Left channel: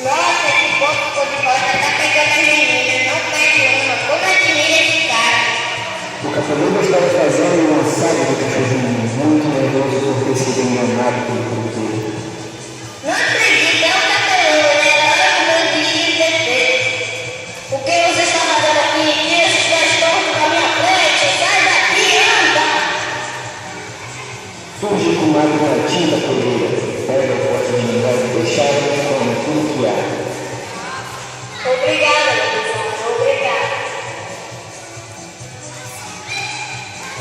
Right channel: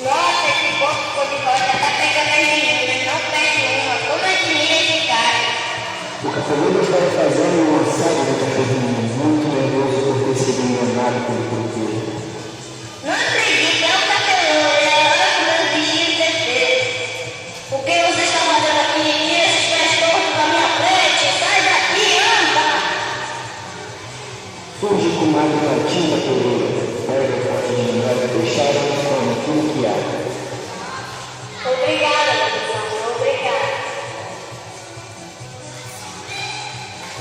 Nossa, esse povo ficou de volta, tá pegando as meninas, não perde uma. Como admira esse cara? O Cafeludo estava fazendo uma série de cachorrinhos, muito nervoso por ter sido enganado pelo porteiro. Não acredito, é um cabeludo, é um bandido de defeito. O que você está fazendo aqui? Tira esses pés tortos da minha frente, sai daqui, anda! Fuge com água na tinta poeira, pega o pote de mingau e deixar como tudo que há. Obrigada, Luciana, obrigada.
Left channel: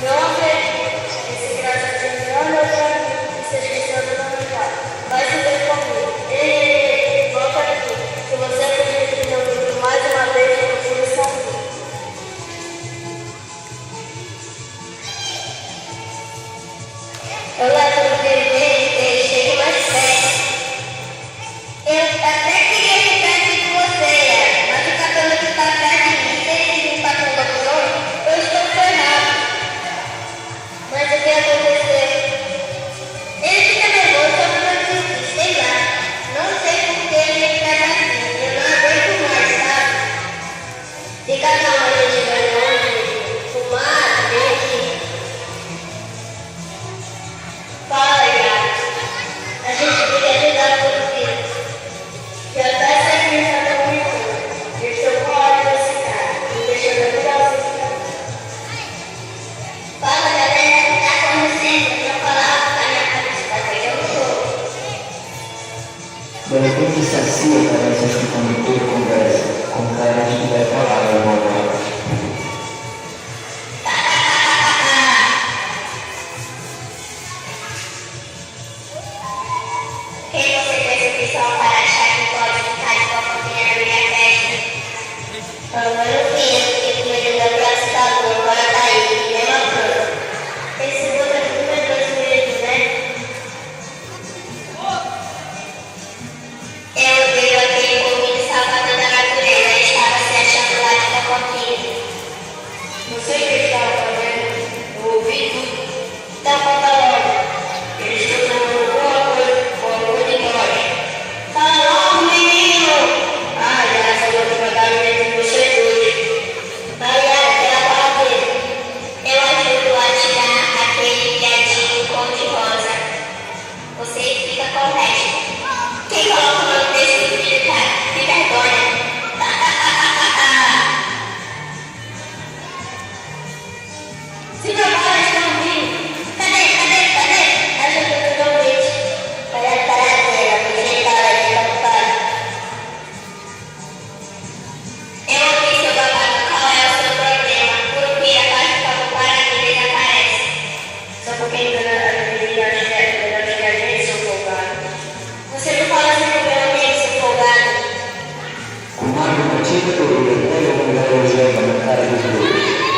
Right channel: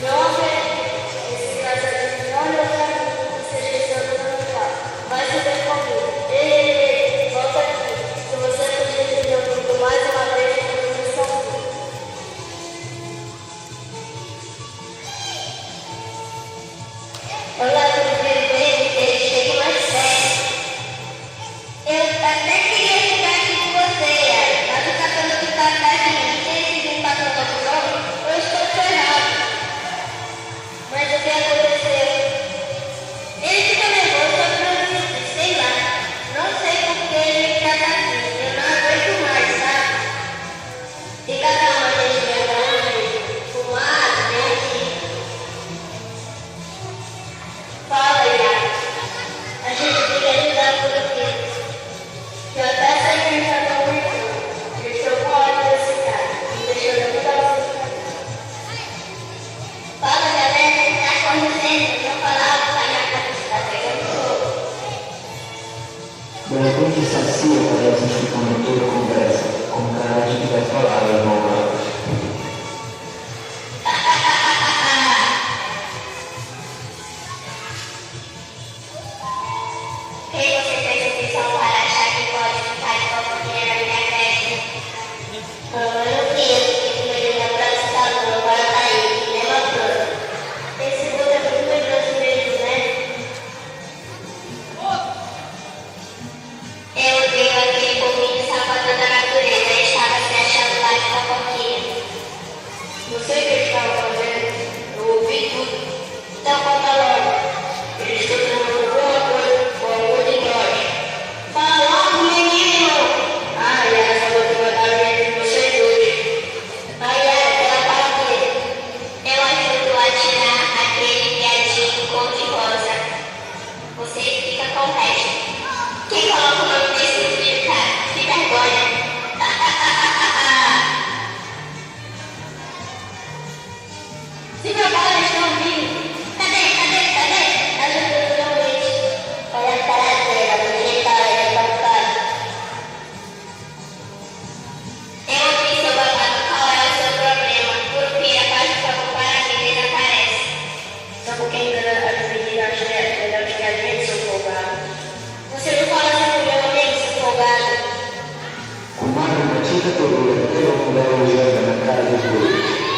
Não acredito, esse engraçadinho não é meu amigo, você esqueceu do meu pai. Vai se ver comigo. Ei, volta aqui. Se você acredita no meu amigo mais uma vez, eu vou começar aqui. Olá, tudo bem? Chega mais perto. Eu até queria ficar aqui com você, mas o cabelo que tá atrás de mim, se ele não tá com o cabelo, eu estou ferrado. Mas o que aconteceu? Ele fica nervoso, eu não assisto, sei lá. Não sei por que ele fica assim, eu não aguento mais, sabe? Fica calma, gente, vergonha, pro lado, vem aqui. Fala, Iago. A gente queria ajudar por quê? Eu até sei que ele está tão muito. E estou com ódio desse cara. Me deixou nervosa. Fala, galera, que tá acontecendo? Não falava que a minha cabeça tá pegando fogo. De repente, Sacia parece escutando toda a conversa, com cara de que vai falar alguma coisa. Quem você pensa que são para achar que pode ficar de fofoquinha na minha festa? Eu não vi, eu fiquei com medo da próxima da lua, agora tá aí, mesma coisa. Esse mundo é muito medroso mesmo, né? Eu odeio aquele bobinho salvador da natureza, ele estava se achando lá de fofoquinha. Não sei o que ele estava fazendo, eu ouvi tudo. Então conta logo. Ele está fazendo alguma coisa com a cor de nós. Fala logo, menino! Ai, essa vou te mandar entre vocês dois. Ai, ela fala dele. Eu ajudo a tirar aquele viadinho cor-de-rosa. Você fica com o resto. Quem coloca o meu texto no vídeo, cara? Que vergonha! Se prepara, estão ouvindo? Cadê? Ajuda o convite. Olha a paradeira, me jeitaram de papai. Eu ouvi seu babado, qual é o seu problema? Por que a parte para o paradeiro ele aparece? Só porque ainda não admitiram as viagens, seu folgado. Você não fala assim pro meu amigo, seu folgado. Com água na tinta poeira, pega o mingau e joga na cara dos dois.